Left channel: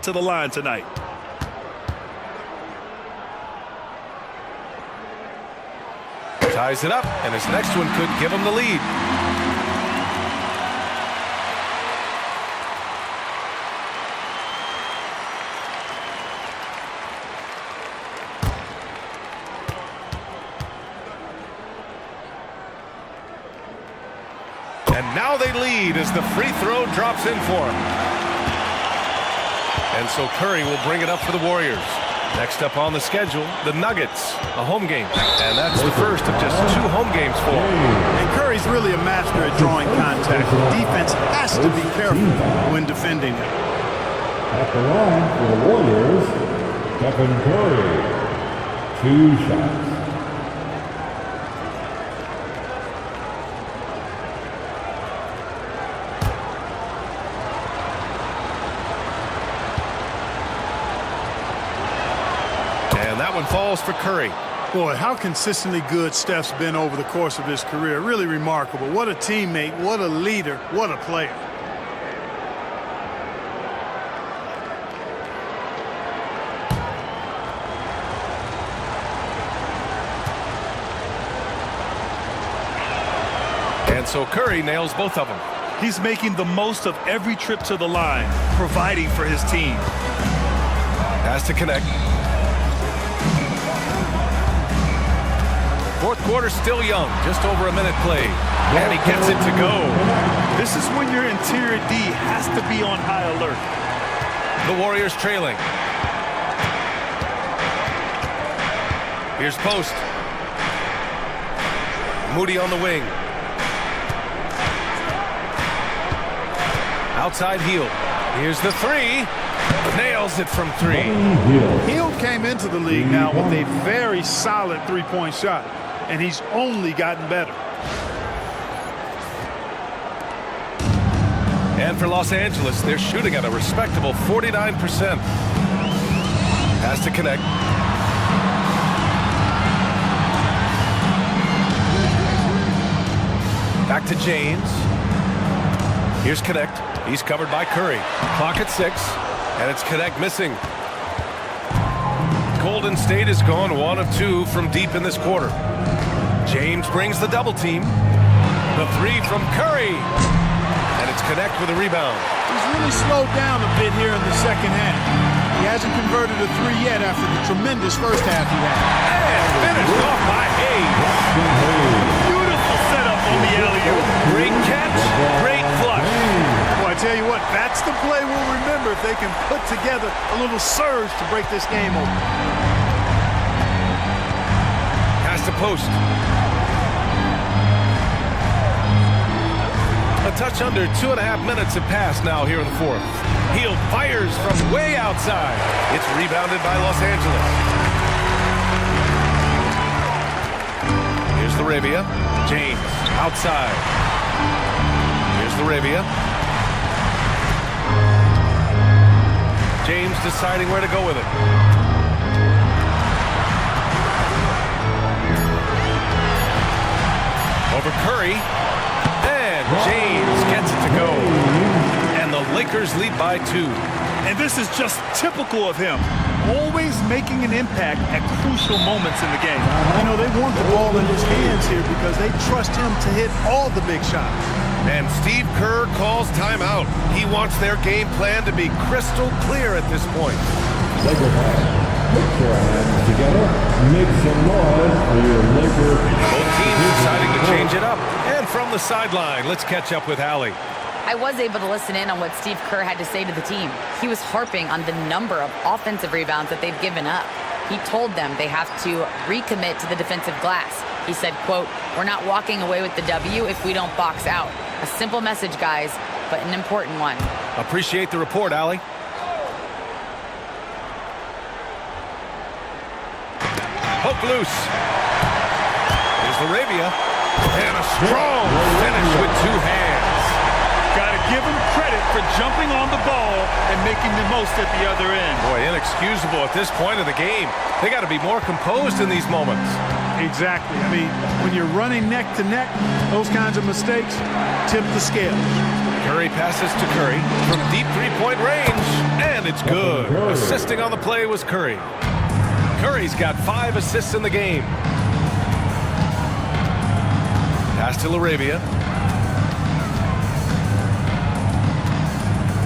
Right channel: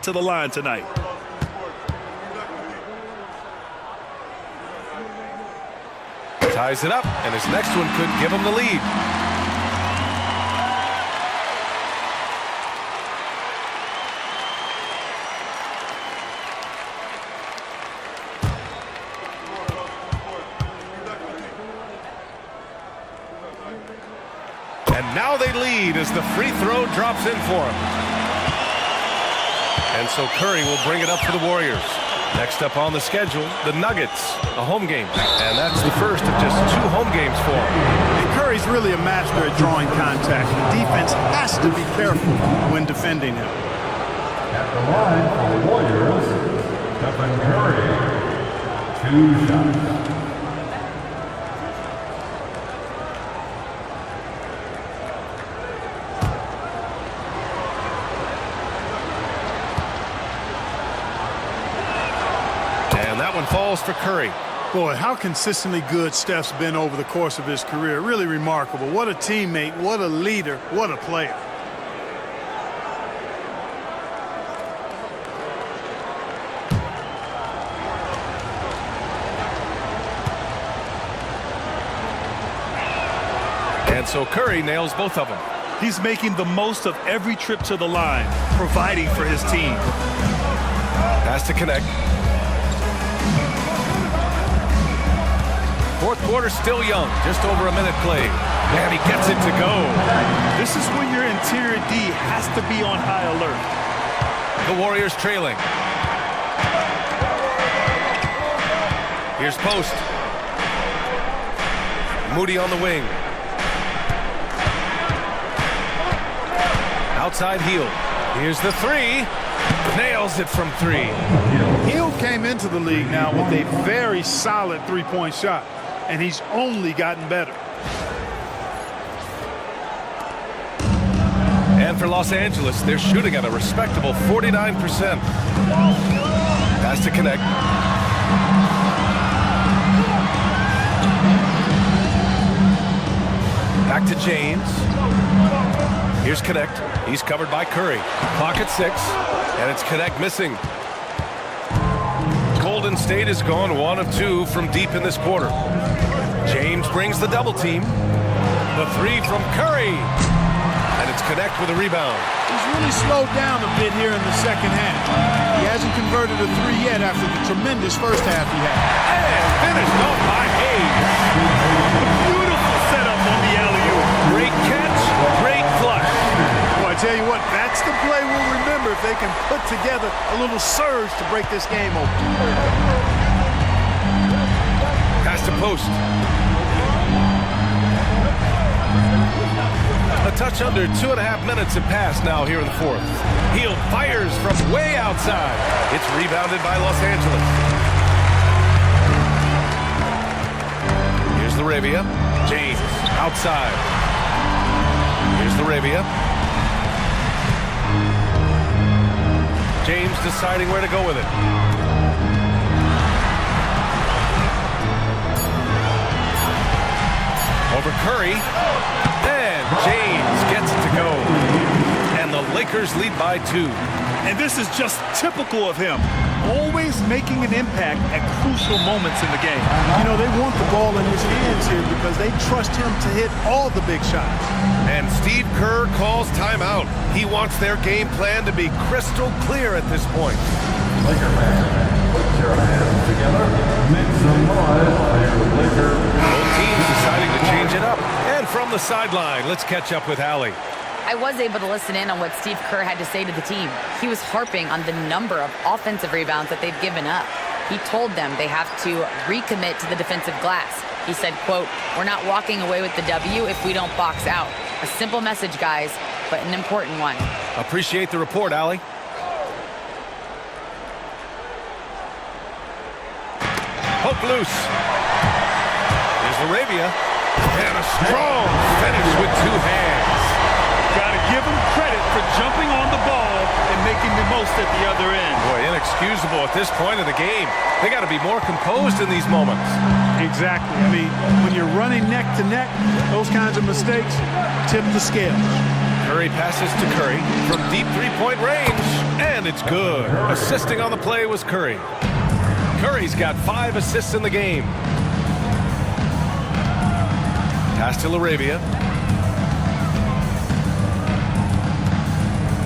get to the line tonight. Ties it up, and his next one could give him the lead. And now they lead as the free throw drops in for him. And so Curry will bring it up for the Warriors. Next up on the schedule, the Nuggets, a home game. And that's the first of just 2 home games for him. And Curry's really a master at drawing contact. The defense has to be careful when defending him. At the line for the Warriors, Stephen Curry. 2 shots. And that one falls for Curry. Boy, how consistently good Steph's been over the course of his career. Really remarkable. What a teammate, what a leader, what a player. And so Curry nails both of them. He's making the most of every trip to the line, providing for his team. Has to connect. Fourth quarter still young, just over a minute played. And he gets it to go. This is when your interior D has to be on high alert. The Warriors trailing. Here's Post. Moody on the wing. Outside Heel. Here's the 3. Nails it from 3. Hill came into the league now with a very solid three-point shot, and he's only gotten better. And for Los Angeles, they're shooting at a respectable 49%. Has to connect. Back to James. Here's Connect. He's covered by Curry. Clock at 6. And it's Connect missing. Golden State has gone 1 of 2 from deep in this quarter. James brings the double team. The 3 from Curry. And it's Connect with a rebound. He's really slowed down a bit here in the second half. He hasn't converted a 3 yet after the tremendous first half he had. And finished off by Hayes. A beautiful setup on the alley-oop. Great catch, great flush. Well, I tell you what, that's the play we'll remember if they can put together a little surge to break this game open. Pass to Post. A touch under 2.5 minutes have passed now here in the fourth. Hield fires from way outside. It's rebounded by Los Angeles. Here's the Arabia. James outside. Here's the Arabia. James deciding where to go with it. Over Curry. And James gets it to go. And the Lakers lead by 2. And this is just typical of him. Always making an impact at crucial moments in the game. You know, they want the ball in his hands here because they trust him to hit all the big shots. And Steve Kerr calls timeout. He wants their game plan to be crystal clear at this point. Laker fans, put your hands together. Make some noise for your Laker. Both teams deciding to change it up. And from the sideline, let's catch up with Allie. I was able to listen in on what Steve Kerr had to say to the team. He was harping on the number of offensive rebounds that they've given up. He told them they have to recommit to the defensive glass. He said, quote, "We're not walking away with the W if we don't box out." A simple message, guys, but an important one. Appreciate the report, Allie. Poke loose. Here's Arabia. And a strong finish with 2 hands. Got to give him credit for jumping on the ball and making the most at the other end. Boy, inexcusable at this point of the game. They got to be more composed in these moments. Exactly. I mean, when you're running neck to neck, those kinds of mistakes tip the scales. Curry passes to Curry from deep 3-point range. And it's good. Assisting on the play was Curry. Curry's got 5 assists in the game. Pass to Laravia.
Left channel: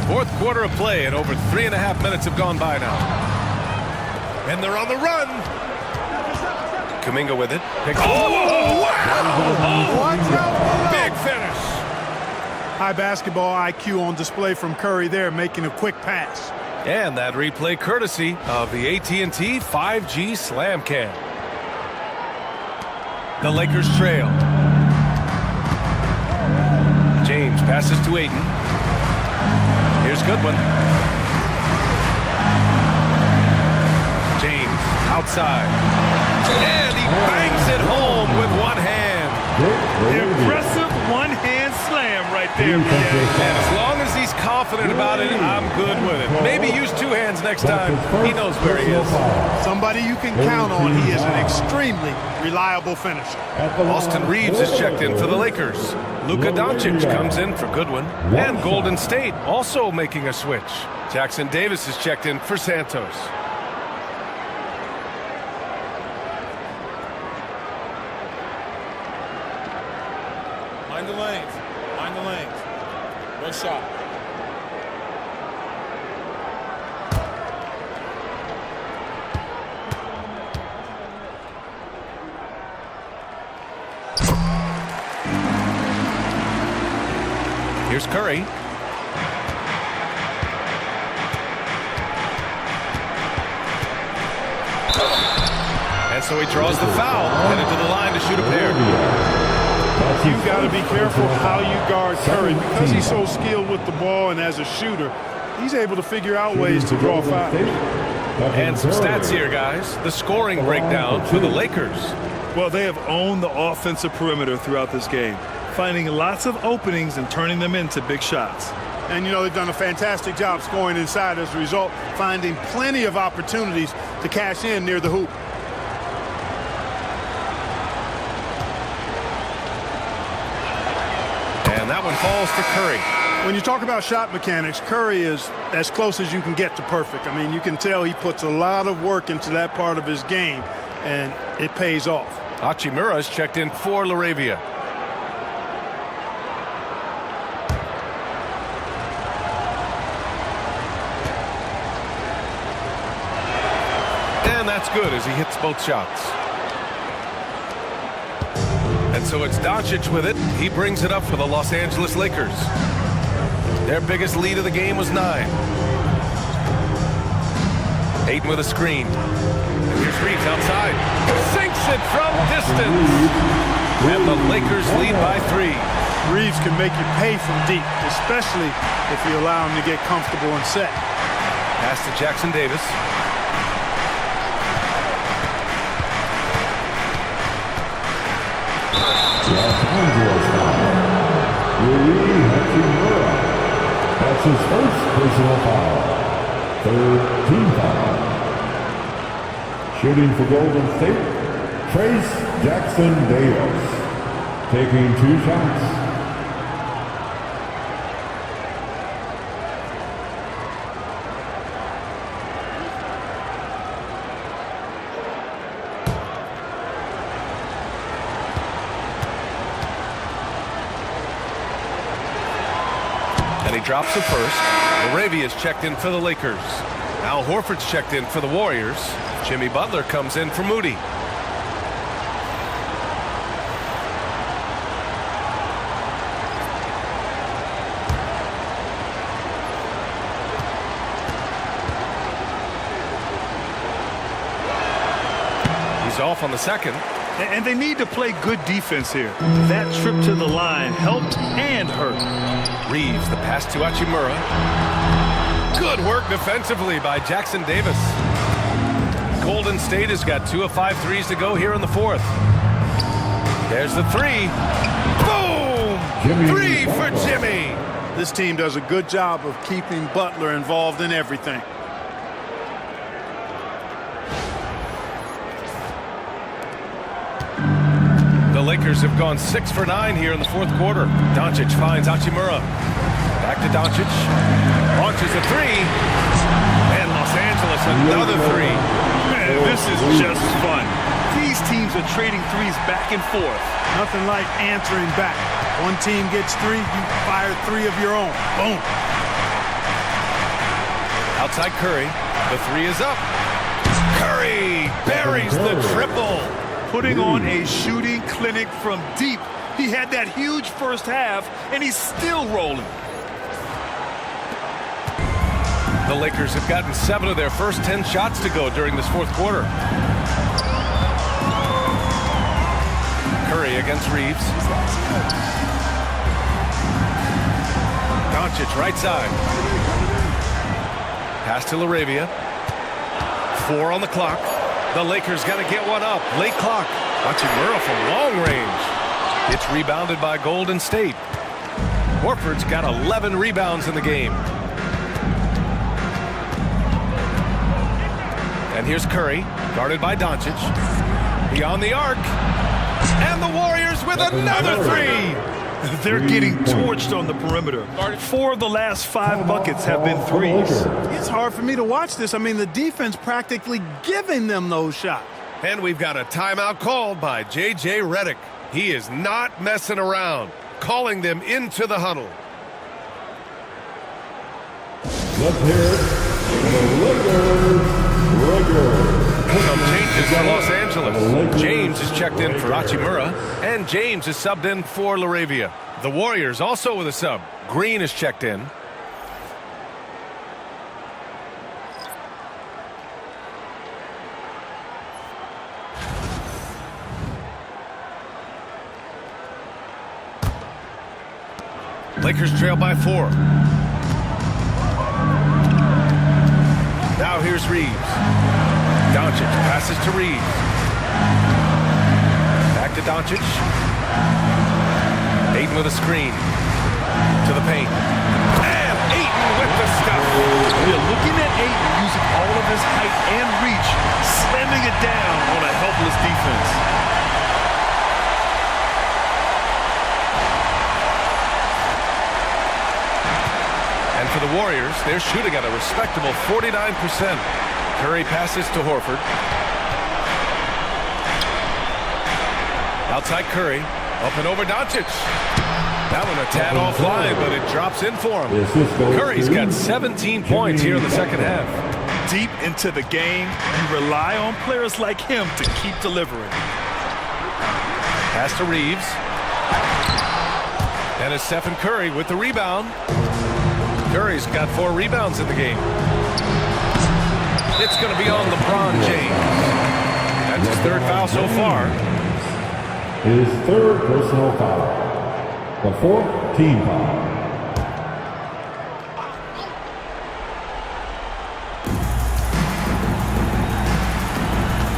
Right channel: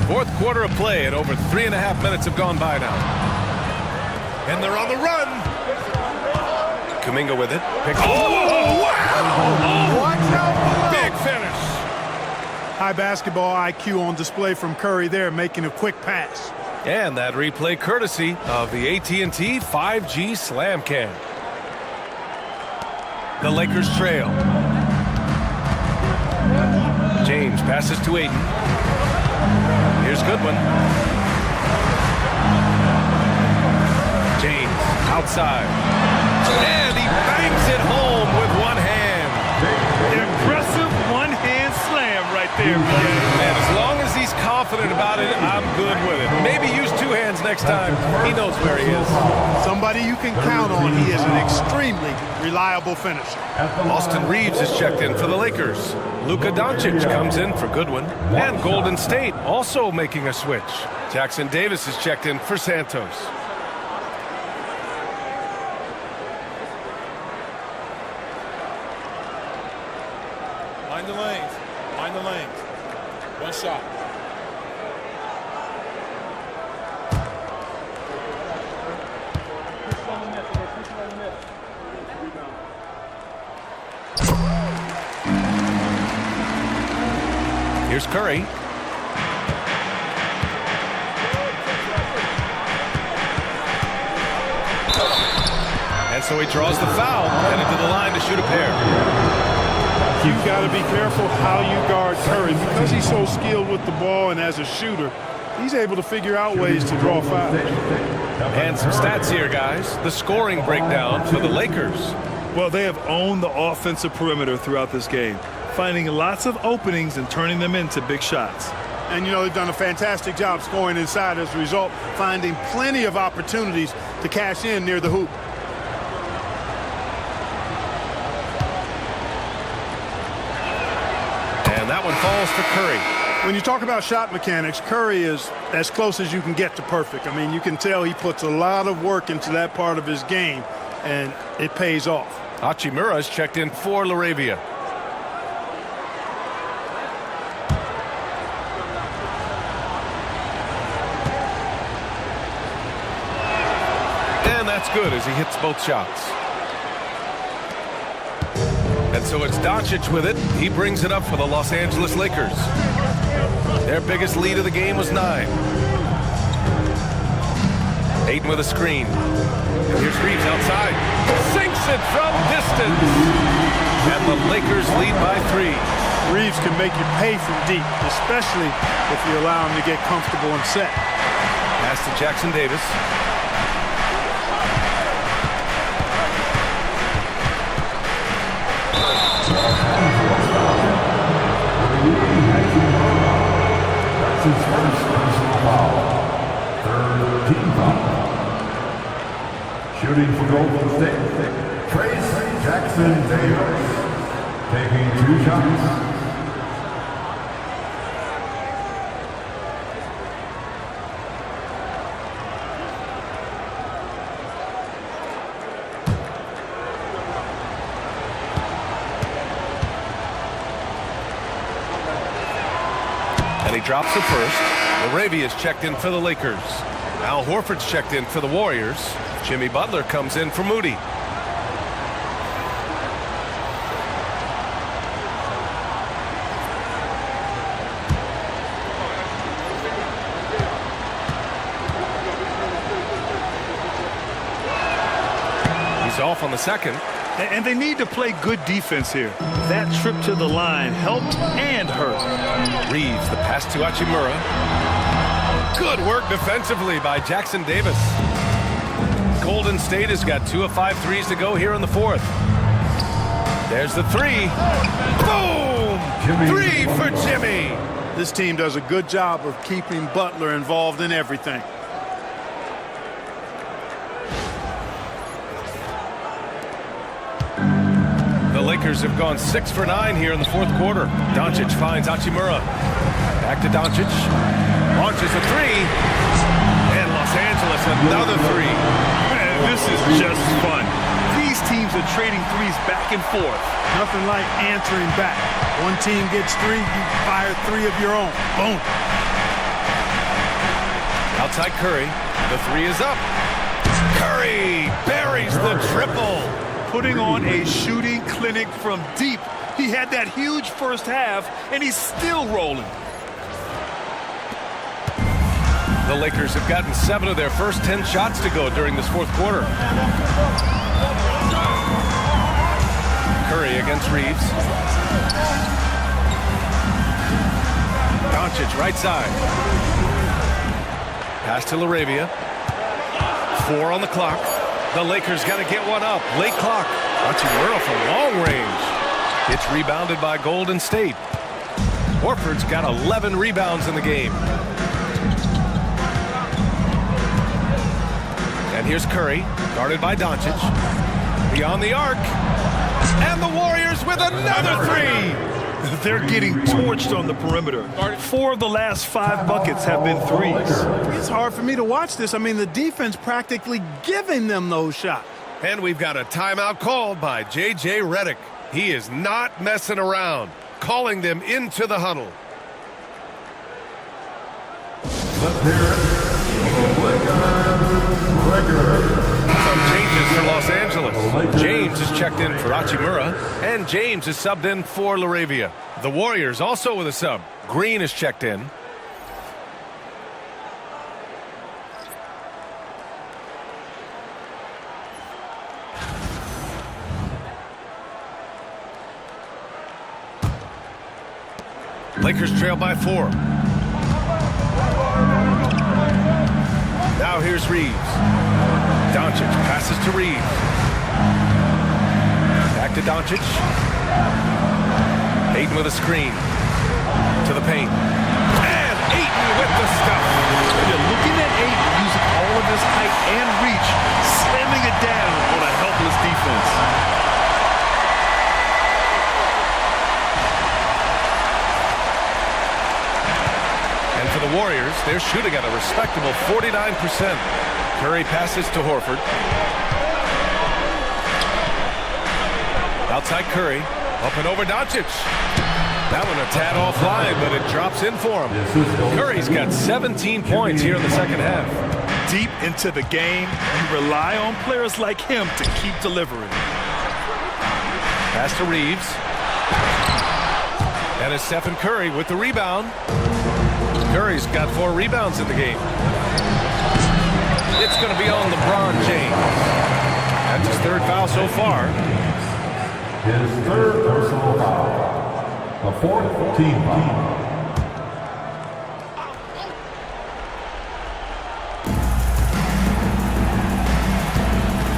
Fourth quarter of play, and over 3.5 minutes have gone by now. And they're on the run. Kuminga with it. Oh, wow! Watch out below. Big finish. High basketball IQ on display from Curry there, making a quick pass. And that replay courtesy of the AT&T 5G Slam Cam. The Lakers trail. James passes to Ayton. Here's Goodwin. James outside. And he bangs it home with one hand. Impressive one-hand slam right there, BA. Man, as long as he's confident about it, I'm good with it. Maybe use 2 hands next time. He knows where he is. Somebody you can count on. He is an extremely reliable finisher. Austin Reeves is checked in for the Lakers. Luka Doncic comes in for Goodwin. And Golden State also making a switch. Jackson Davis is checked in for Santos. Mind the lanes. Mind the lanes. One shot. Here's Curry. And so he draws the foul, headed to the line to shoot a pair. You got to be careful how you guard Curry because he's so skilled with the ball, and as a shooter, he's able to figure out ways to draw fouls. And some stats here, guys. The scoring breakdown for the Lakers. Well, they have owned the offensive perimeter throughout this game, finding lots of openings and turning them into big shots. And, you know, they've done a fantastic job scoring inside as a result, finding plenty of opportunities to cash in near the hoop. And that one falls for Curry. When you talk about shot mechanics, Curry is as close as you can get to perfect. I mean, you can tell he puts a lot of work into that part of his game, and it pays off. Hachimura is checked in for Laravia. And that's good as he hits both shots. And so it's Doncic with it. He brings it up for the Los Angeles Lakers. Their biggest lead of the game was 9. Ayton with a screen. And here's Reeves outside. Sinks it from distance. And the Lakers lead by 3. Reeves can make you pay from deep, especially if you allow him to get comfortable and set. Pass to Jackson Davis. That's his first personal foul. 3rd team foul. Shooting for Golden State, Trace Jackson Davis. Taking 2 shots. And he drops the first. Laravia's checked in for the Lakers. Al Horford's checked in for the Warriors. Jimmy Butler comes in for Moody. He's off on the second. And they need to play good defense here. That trip to the line helped and hurt. Reeves, the pass to Hachimura. Good work defensively by Jackson Davis. Golden State has got 2 of 5 threes to go here in the 4th. There's the 3. Boom! 3 for Jimmy. This team does a good job of keeping Butler involved in everything. The Lakers Lakers have gone 6 for 9 here in the fourth quarter. Doncic finds Hachimura. Back to Doncic. Launches a three. And Los Angeles another three. Man, this is just fun. These teams are trading threes back and forth. Nothing like answering back. One team gets three, you fire three of your own. Boom. Outside Curry. The three is up. Curry buries the triple. Putting on a shooting clinic from deep. He had that huge first half, and he's still rolling. The Lakers have gotten 7 of their first 10 shots to go during this fourth quarter. Curry against Reeves. Doncic right side. Pass to LaRavia. 4 on the clock. The Lakers got to get one up. Late clock. Hachimura from long range. It's rebounded by Golden State. Horford's got 11 rebounds in the game. And here's Curry, guarded by Doncic. Beyond the arc. And the Warriors with another three. They're getting torched on the perimeter. 4 of the last 5 buckets have been threes. It's hard for me to watch this. I mean, the defense practically giving them those shots. And we've got a timeout called by J.J. Redick. He is not messing around, calling them into the huddle. Let's hear it for the Lakers. Some changes for Los Angeles. James is checked in for Hachimura, and James is subbed in for LaRavia. The Warriors also with a sub. Green is checked in. Lakers trail by 4. Now here's Reeves. Doncic passes to Reeves. Back to Doncic. Ayton with a screen. To the paint. And Ayton with the stuff. Yeah, looking at Ayton using all of his height and reach, slamming it down on a helpless defense. And for the Warriors, they're shooting at a respectable 49%. Curry passes to Horford. Outside Curry. Up and over Doncic. That one a tad offline, but it drops in for him. Curry's got 17 points here in the second half. Deep into the game, you rely on players like him to keep delivering. Pass to Reeves. And it's Stephen Curry with the rebound. Curry's got 4 rebounds in the game. It's going to be on LeBron James. That's his 3rd foul so far. His 3rd personal foul. The 4th team foul.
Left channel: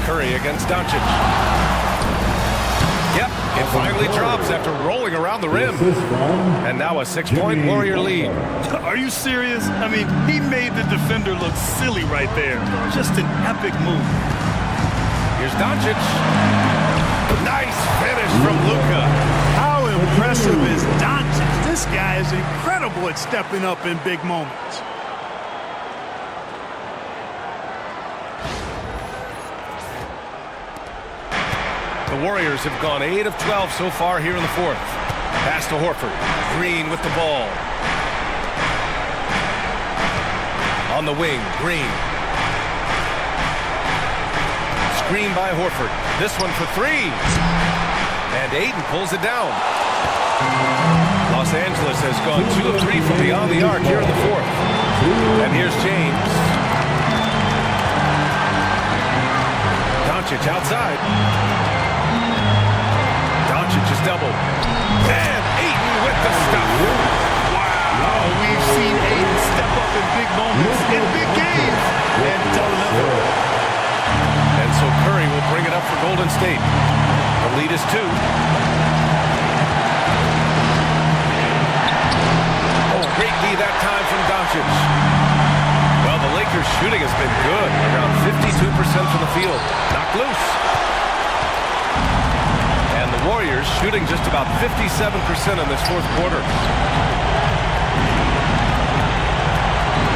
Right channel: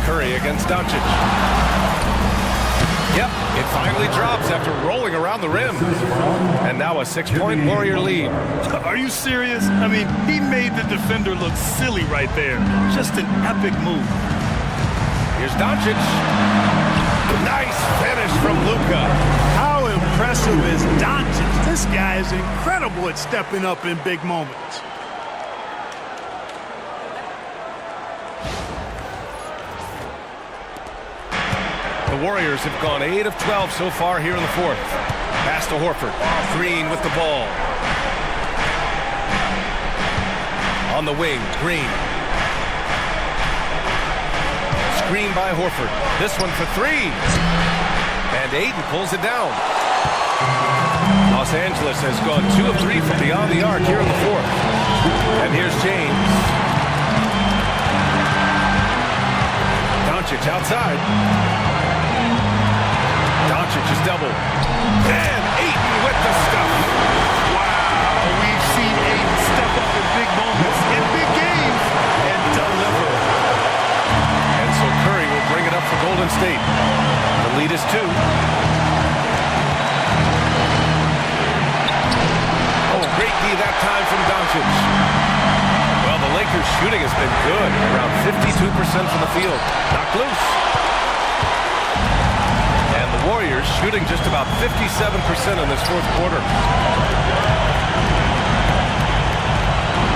Curry against Doncic. Yep, it finally drops after rolling around the rim. And now a 6-point Warrior lead. Are you serious? I mean, he made the defender look silly right there. Just an epic move. Here's Doncic. Nice finish from Luka. How impressive is Doncic? This guy is incredible at stepping up in big moments. The Warriors have gone 8 of 12 so far here in the fourth. Pass to Horford. Green with the ball. On the wing, Green. Screen by Horford. This one for 3. And Ayton pulls it down. Los Angeles has gone 2 of 3 from beyond the arc here in the fourth. And here's James. Doncic outside. Doncic is doubled. And Ayton with the stuff. Wow, we've seen Ayton step up in big moments, in big games, and deliver. And so Curry will bring it up for Golden State. The lead is 2. Oh, great D that time from Doncic. Well, the Lakers' shooting has been good, around 52% from the field. Knocked loose. And The Warriors shooting just about 57% in this fourth quarter.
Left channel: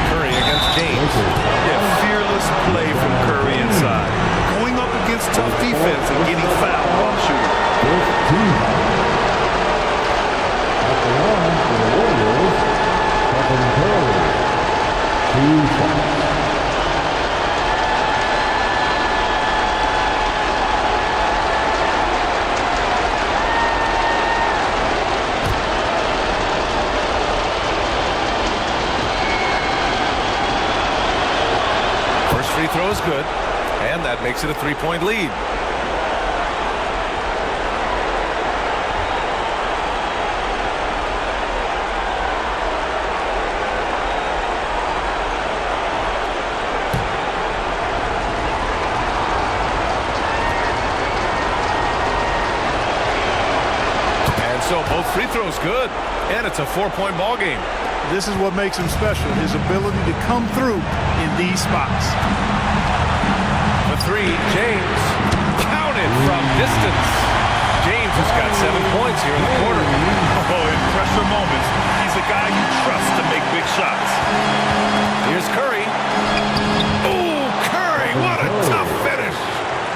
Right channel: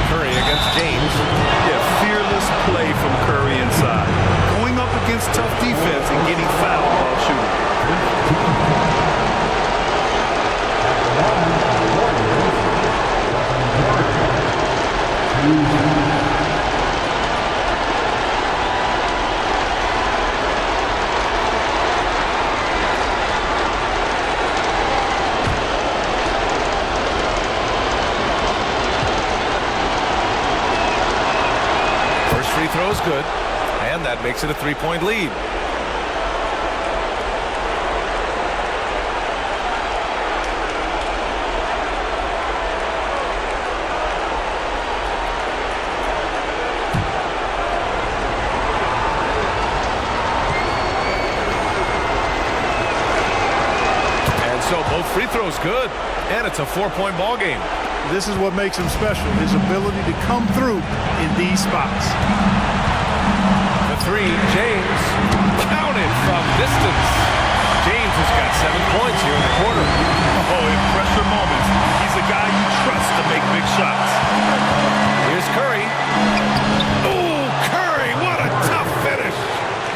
Curry against James. Yeah, fearless play from Curry inside. Going up against tough defense and getting fouled while shooting. At the line for the Warriors, Stephen Curry. 2 shots. First free throw is good, and that makes it a 3-point lead. And so both free throws good, and it's a 4-point ball game. This is what makes him special, his ability to come through in these spots. The three, James, counted from distance. James has got 7 points here in the quarter. Oh, in pressure moments, he's a guy you trust to make big shots. Here's Curry. Oh, Curry, what a tough finish.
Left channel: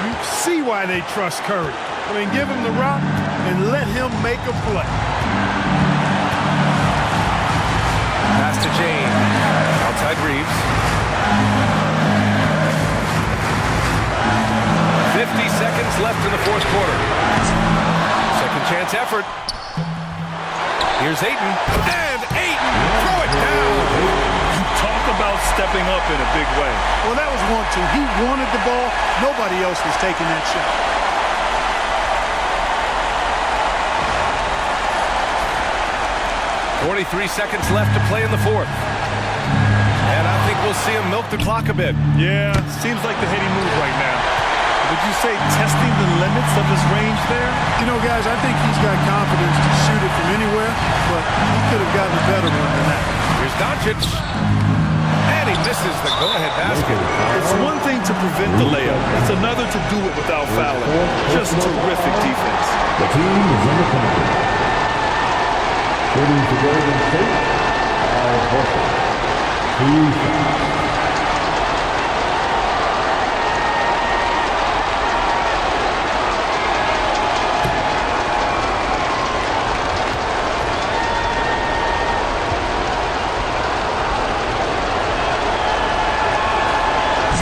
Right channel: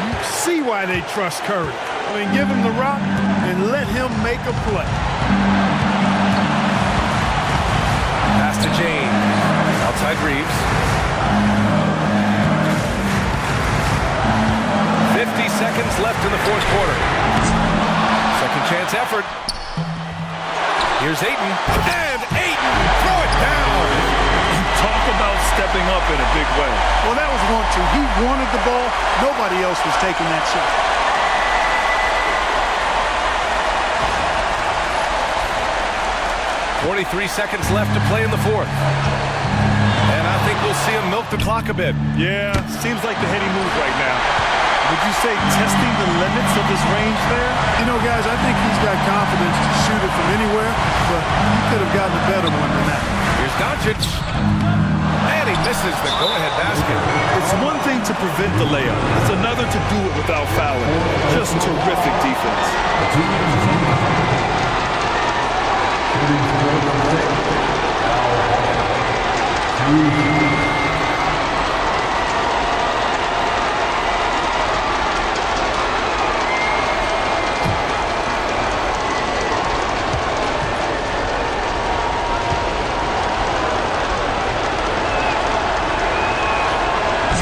You see why they trust Curry. I mean, give him the rock and let him make a play. Pass to James. Outside Reeves. 50 seconds left in the fourth quarter. Second chance effort. Here's Ayton. And Ayton, throw it down. Talk about stepping up in a big way. Well, that was 1-2. He wanted the ball. Nobody else was taking that shot. .43 seconds left to play in the fourth. And I think we'll see him milk the clock a bit. Yeah, seems like the heady move right now. Would you say testing the limits of his range there? You know, guys, I think he's got confidence to shoot it from anywhere, but he could have gotten a better one than that. Here's Doncic. And he misses the go-ahead basket. It's one thing to prevent the layup. It's another to do it without fouling. Just terrific defense. The team is on the court. Shooting for Golden State, Al Horford. 2 shots.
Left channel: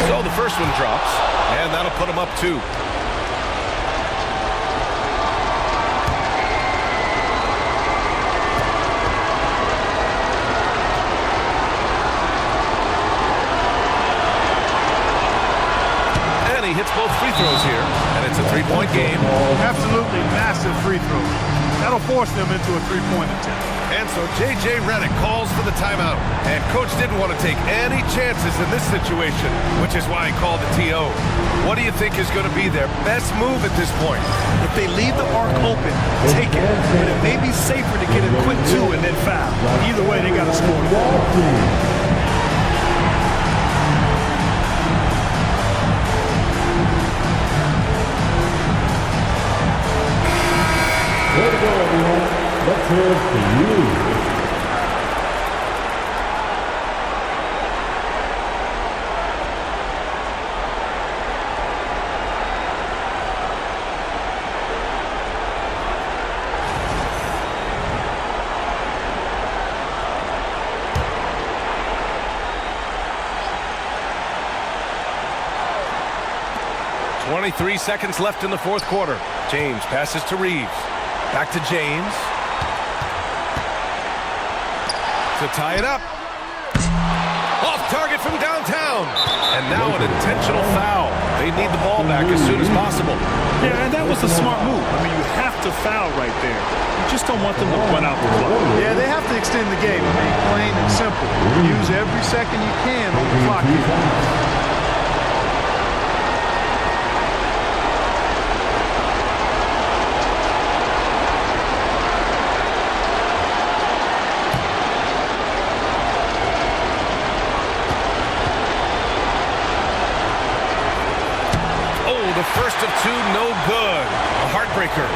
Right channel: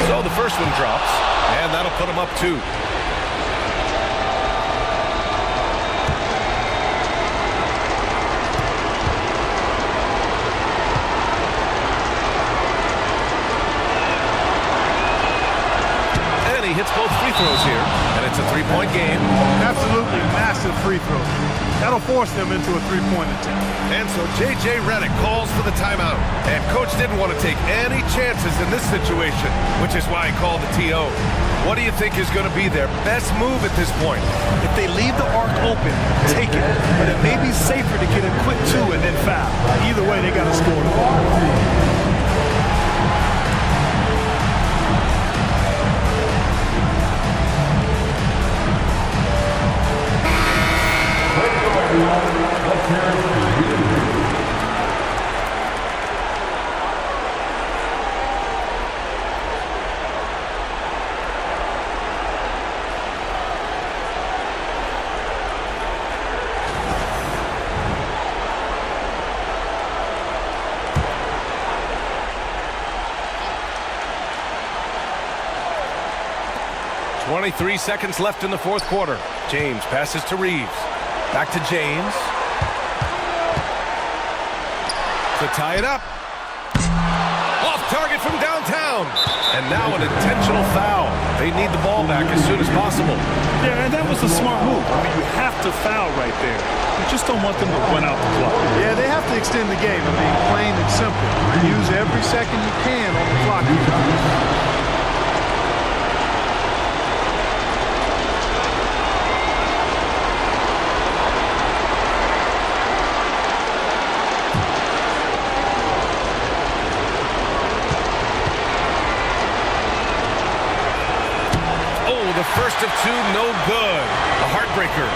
So the first one drops, and that'll put him up 2. And he hits both free throws here, and it's a 3-point game. Absolutely massive free throw. That'll force them into a 3-point attempt. And so J.J. Redick calls for the timeout. And coach didn't want to take any chances in this situation, which is why he called the TO. What do you think is going to be their best move at this point? If they leave the arc open, take it. But it may be safer to get a quick 2 and then foul. Either way, they got to score the ball. Way to go, everyone. Let's hear it for you. .23 seconds left in the fourth quarter. James passes to Reeves. Back to James. To tie it up. Off target from downtown. And now an intentional foul. They need the ball back as soon as possible. Yeah, and that was a smart move. I mean, you have to foul right there. You just don't want them to run out the clock. Yeah, they have to extend the game. I mean, plain and simple. Use every second you can on the clock here. Oh, the first of 2, no good. A heartbreaker.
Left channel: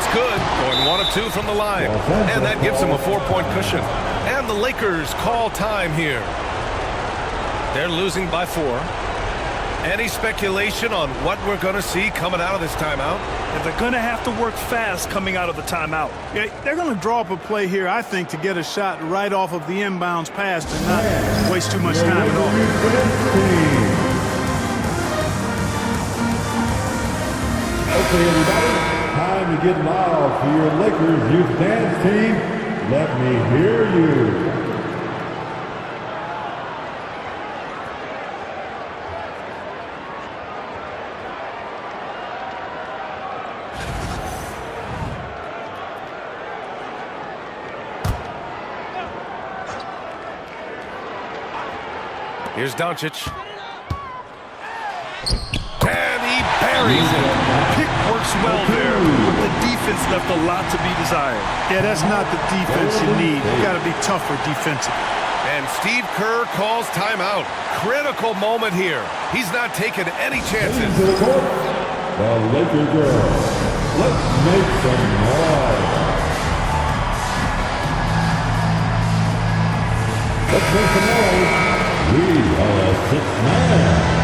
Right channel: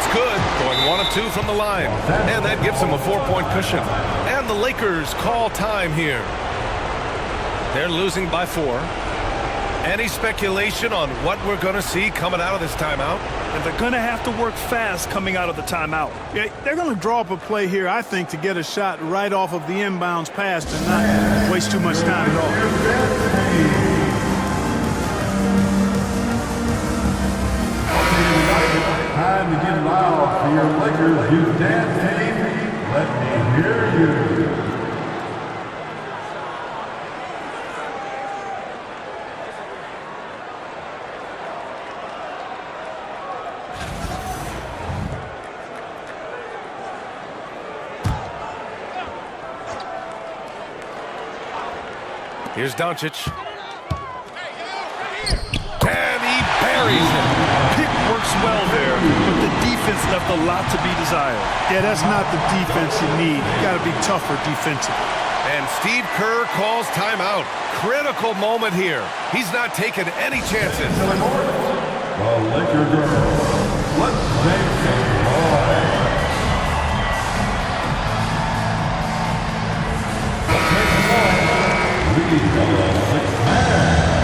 That's good. Going 1 of 2 from the line. And that gives them a 4-point cushion. And the Lakers call time here. They're losing by 4. Any speculation on what we're going to see coming out of this timeout? And they're going to have to work fast coming out of the timeout. Yeah, they're going to draw up a play here, I think, to get a shot right off of the inbounds pass and not waste too much time at all. Okay, everybody, time to get loud for your Lakers youth dance team. Let me hear you. Here's Doncic. And he buries it. Pick works well there, but the defense left a lot to be desired. Yeah, that's not the defense you need. You got to be tougher defensively. And Steve Kerr calls timeout. Critical moment here. He's not taking any chances. To the court, the Laker girls. Let's make some noise. Let's make some noise. We are 6 man.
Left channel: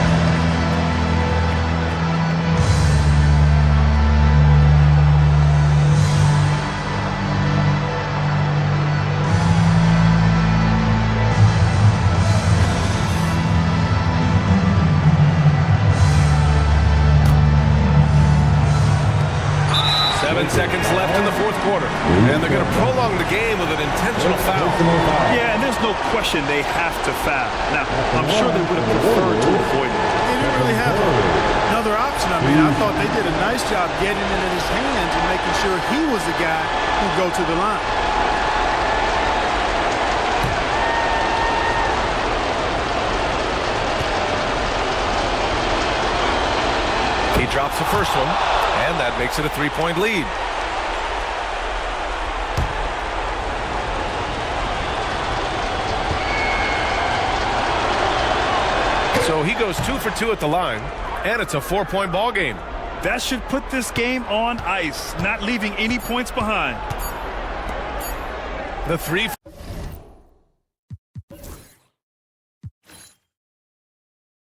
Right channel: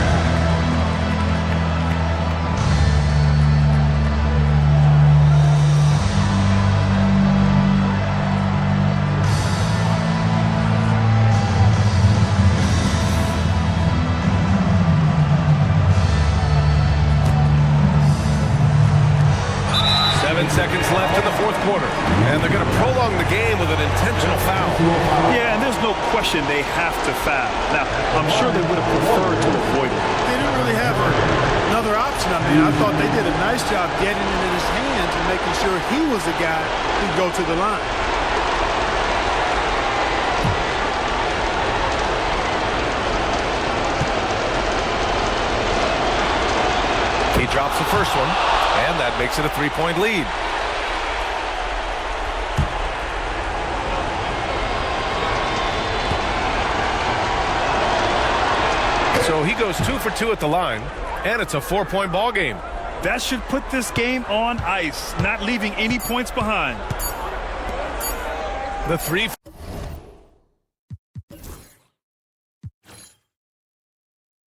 Seven seconds left in the fourth quarter. And they're going to prolong the game with an intentional foul. Yeah, and there's no question they have to foul. Now, I'm sure they would have preferred to avoid it. They didn't really have another option. I mean, I thought they did a nice job getting it in his hands and making sure he was the guy who'd go to the line. He drops the first one. And that makes it a 3-point lead. So he goes 2 for 2 at the line, and it's a 4-point ball game. That should put this game on ice, not leaving any points behind. The 3